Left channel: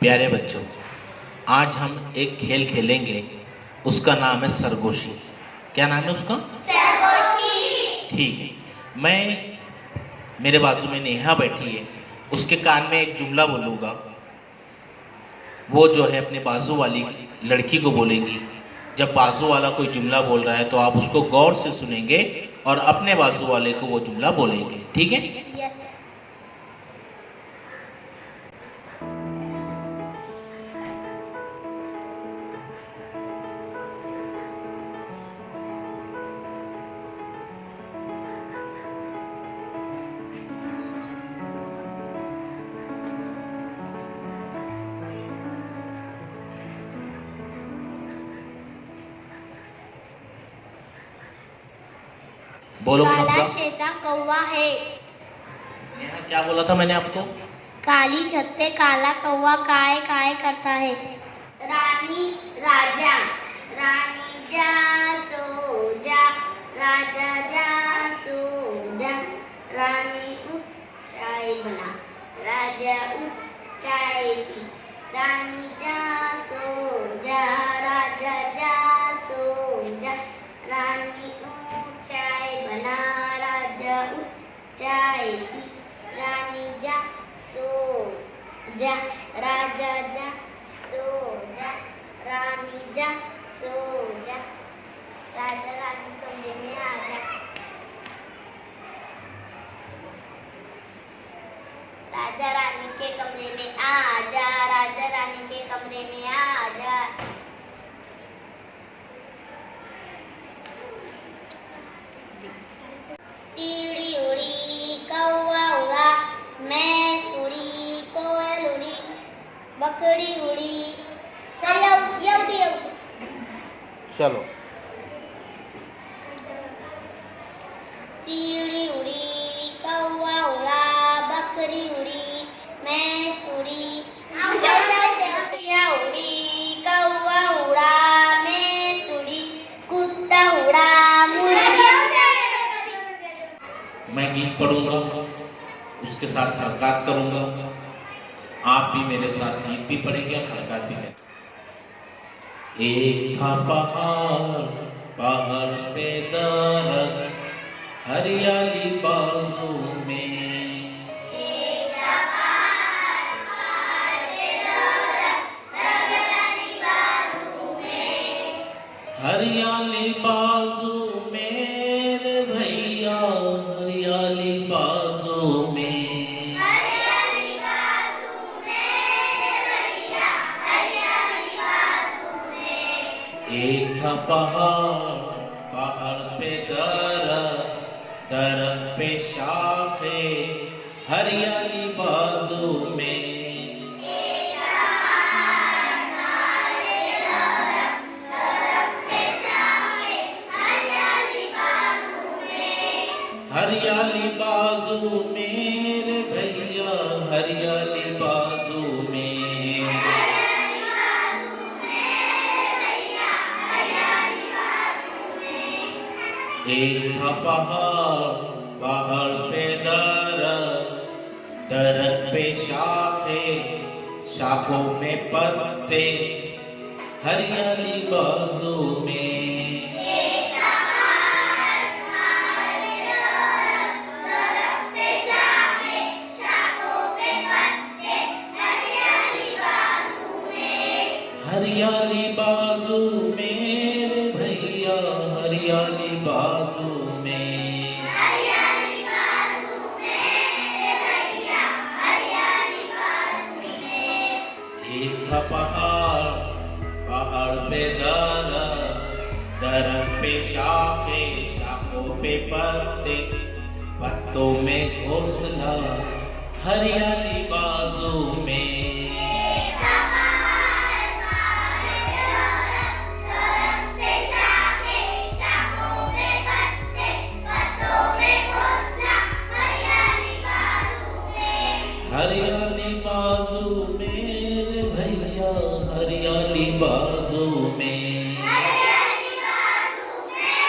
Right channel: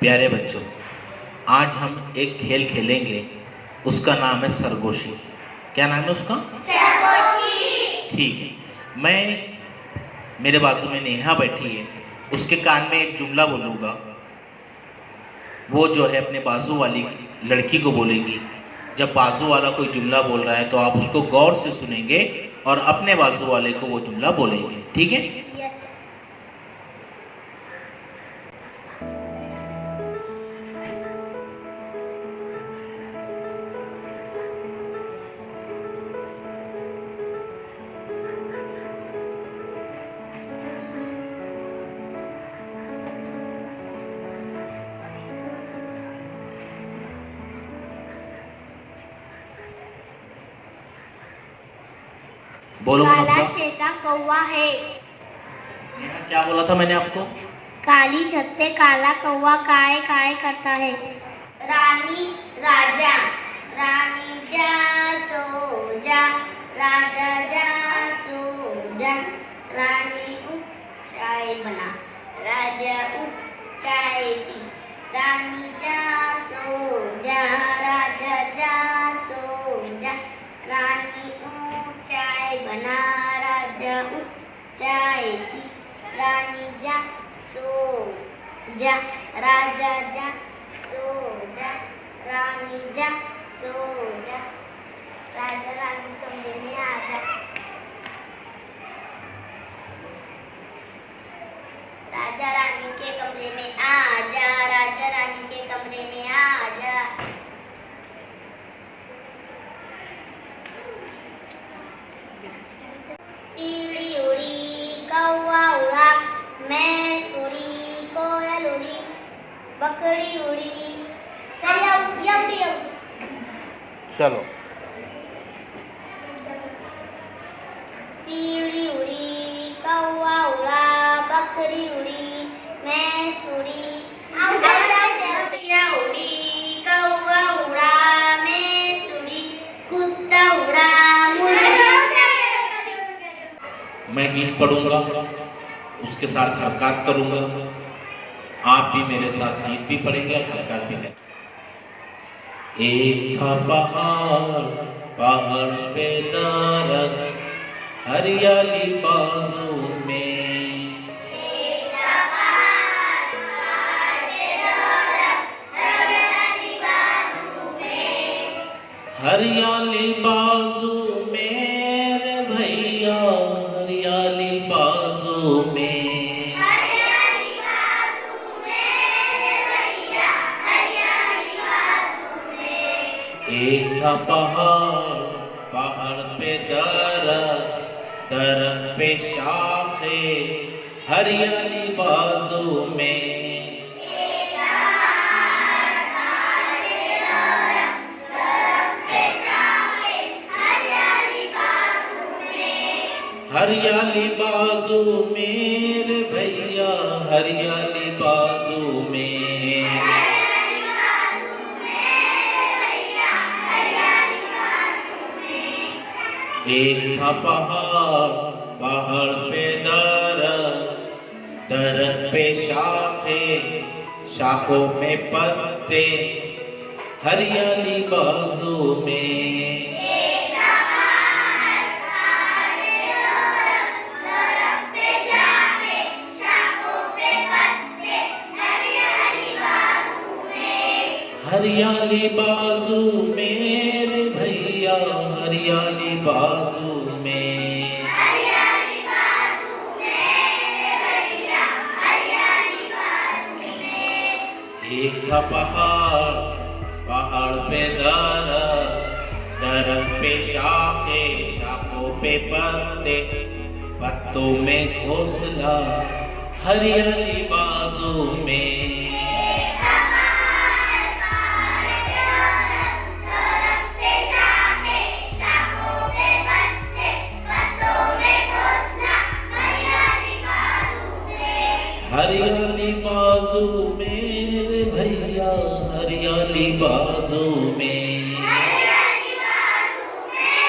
प्यारे बच्चों, आज हम एक खेल खेलेंगे। उसका नाम है सरगोशी। क्या नाम है उसका? सरगोशी। ठीक है। मेरे बाजू में नेहा बैठी है, उसके कान में एक जुमला बोलूँगा। वो जो है अपने बाजू वाली लड़की को बोलेगी। जब बाजू वाला कोई जुमला बोल रहा है तो आप उसको गौर से सुनेंगे और अपने बाजू वाले को वो जुमला बोलेंगे। ठीक है? बोलो। काला शेता कौवा है। क्या बोला था मैंने आपको? काली छत पे काला कौवा काय काय करता है। रानी राजा, रानी जा सो जा, राजा जा सो जा, रानी उठ चाय बना, राजा उठ चाय पी, रानी जा सो जा, राजा जा सो जा, रानी उठ चाय बना, राजा उठ चाय पी, रानी जा सो जा, राजा जा सो जा, रानी जा सो जा, राजा रानी कमरे में आ जा, राजा रानी के कमरे में आ जा, राजा रानी के कमरे में आ जा। चिड़ी उड़ी कौवा उड़ा, मैं उड़ी कोयल उड़ी, बकरी उड़ी। चलो। चिड़ी उड़ी कौवा उड़ा, बकरी उड़ी, मैं उड़ी, उड़ी कौवा उड़ा, मैं उड़ी, कुत्ता उड़ा, मैं गीत पढ़ूंगा, उसके साथ हरकत करूंगा। आप भी मेरे साथ गीत भी पढ़ेंगे, हरकत भी करेंगे। एक था पहाड़, पहाड़ पे दरख्त, हरियाली बाजू में। एक था पहाड़, पहाड़ पे दरख्त, हरियाली बाजू में। हरियाली बाजू में रे भैया, हरियाली बाजू में। हरियाली बाजू में रे भैया, हरियाली बाजू में। एक था पहाड़, पहाड़ पे दरख्त, दरख्त पे शाखे, हरियाली बाजू में। एक था पहाड़, पहाड़ पे दरख्त, दरख्त पे शाखे, हरियाली बाजू में। हरियाली बाजू में रे भैया, हरियाली बाजू में। हरियाली बाजू में भैया, हरियाली बाजू में। एक था पहाड़, पहाड़ पे दरख्त, दरख्त पे शाखे, शाखों में पत्ते, हरियाली बाजू में। एक था पहाड़, पहाड़ पे दरख्त, दरख्त पे शाखे, शाखों पे पत्ते, हरियाली बाजू में। हरियाली बाजू में रे भैया, हरियाली बाजू में। हरियाली बाजू में भैया, हरियाली बाजू में। एक था पहाड़, पहाड़ पे दरख्त, दरख्त पे शाखे, शाखों पे पत्ते, पत्तों में घोंसला, हरियाली बाजू में। एक था पहाड़, पहाड़ पे दरख्त, दरख्त पे शाखे, शाखों पे पत्ते, पत्तों में घोंसला, हरियाली बाजू में। हरियाली बाजू में रे भैया, हरियाली बाजू में। हरियाली बाजू में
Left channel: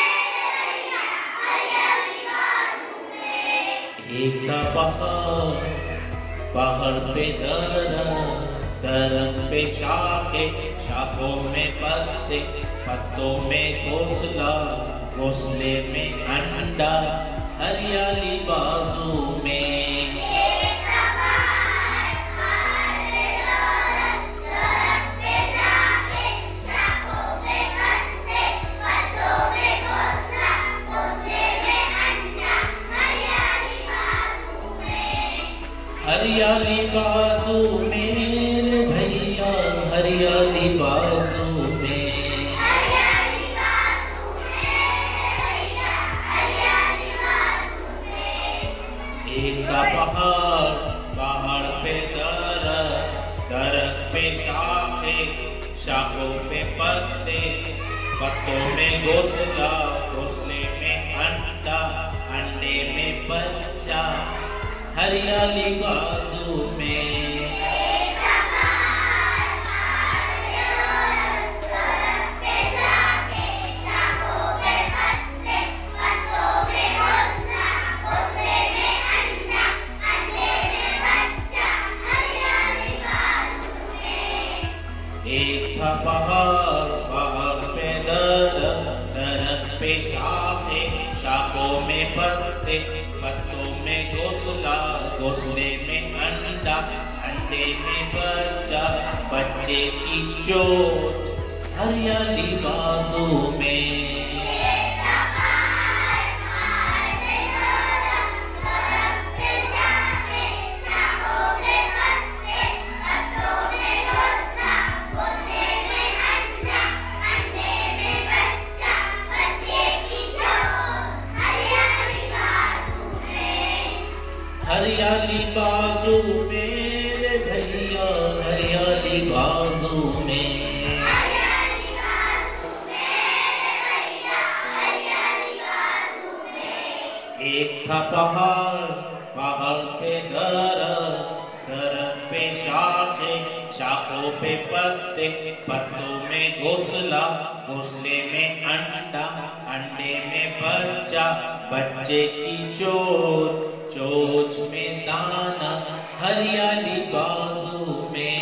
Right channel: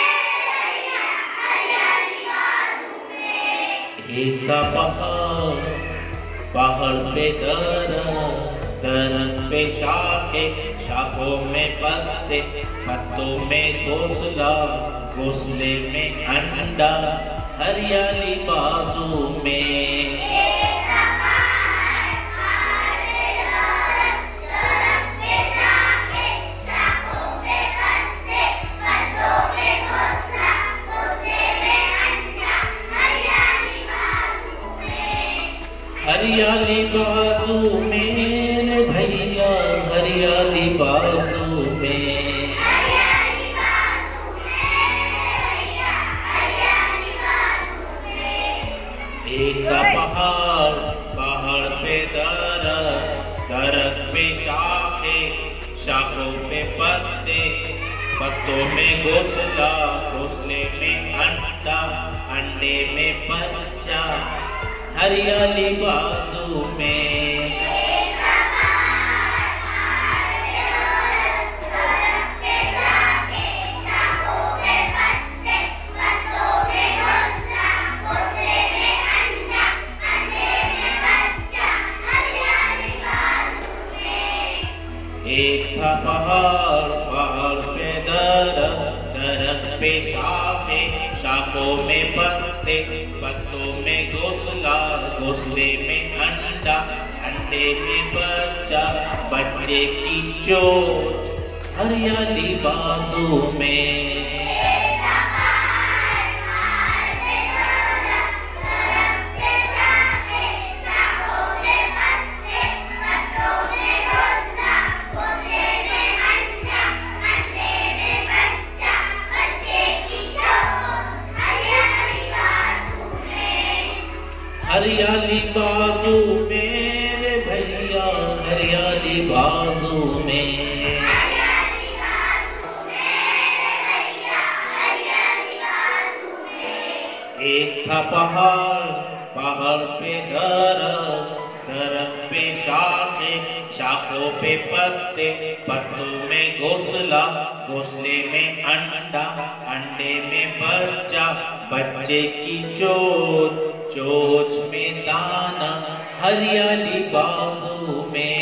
भैया, हरियाली बाजू में। एक था पहाड़, पहाड़ पे दरख्त, दरख्त पे शाखे, शाखों में पत्ते, पत्तों में घोंसला, घोंसले में अंडा, हरियाली बाजू में। हरियाली बाजू में रे भैया, हरियाली बाजू में। एक था पहाड़, पहाड़ पे दरख्त, दरख्त पे शाखे, शाखों पे पत्ते, पत्तों में घोंसला, घोंसले में अंडा, अंडे में बच्चा, हरियाली बाजू में। एक था पहाड़, पहाड़ पे दरख्त, दरख्त पे शाखे, शाखों में पत्ते, पत्तों में घोंसला, घोंसले में अंडा, अंडे में बच्चा, बच्चे की चोट, हरियाली बाजू में। हरियाली बाजू में रे भैया, हरियाली बाजू में। एक था पहाड़, पहाड़ पे दरख्त, दरख्त पे शाखे, शाखों पे पत्ते, पत्तों में घोंसला, घोंसले में अंडा, अंडे में बच्चा, बच्चे की चोच, चोच में दाना, हरियाली बाजू में।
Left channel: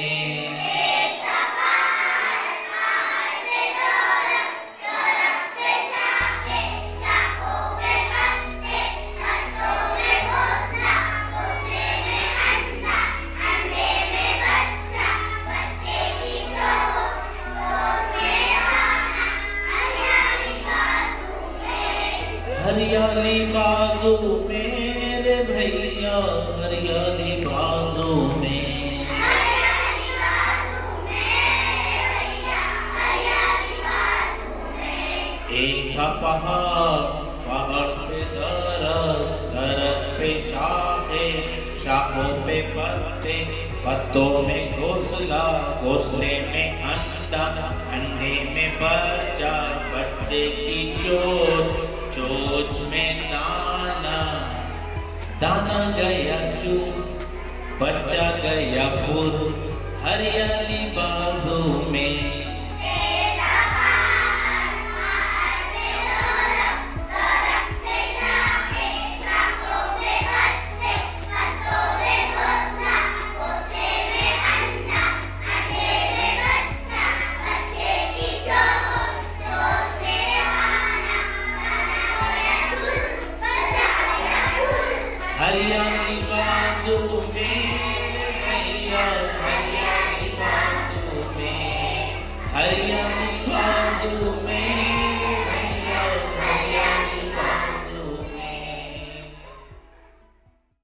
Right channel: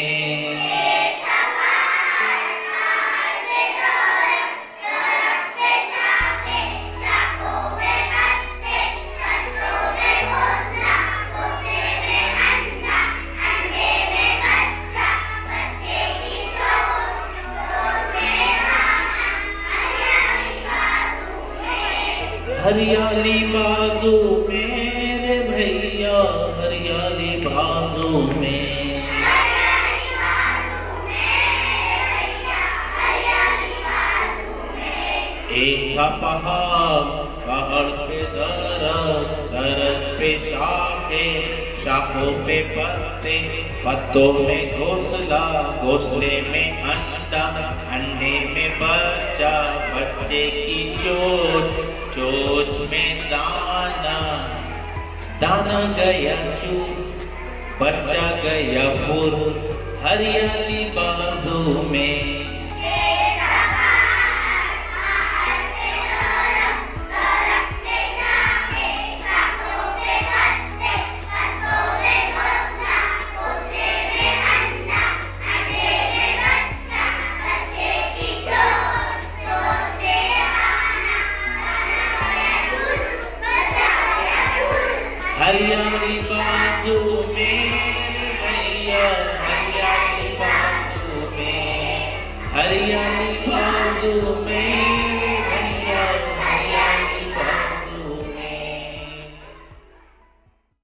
हरियाली बाजू में रे भैया, हरियाली बाजू में। एक था पहाड़, पहाड़ पे दरख्त, दरख्त पे शाखे, शाखों पे पत्ते, पत्तों में घोंसला, घोंसले में अंडा, अंडे में बच्चा, बच्चे की चोच, चोच में दाना, दाना गया चूर, बच्चा गया फुर, हरियाली बाजू में। हरियाली बाजू में भैया, हरियाली बाजू में, हरियाली बाजू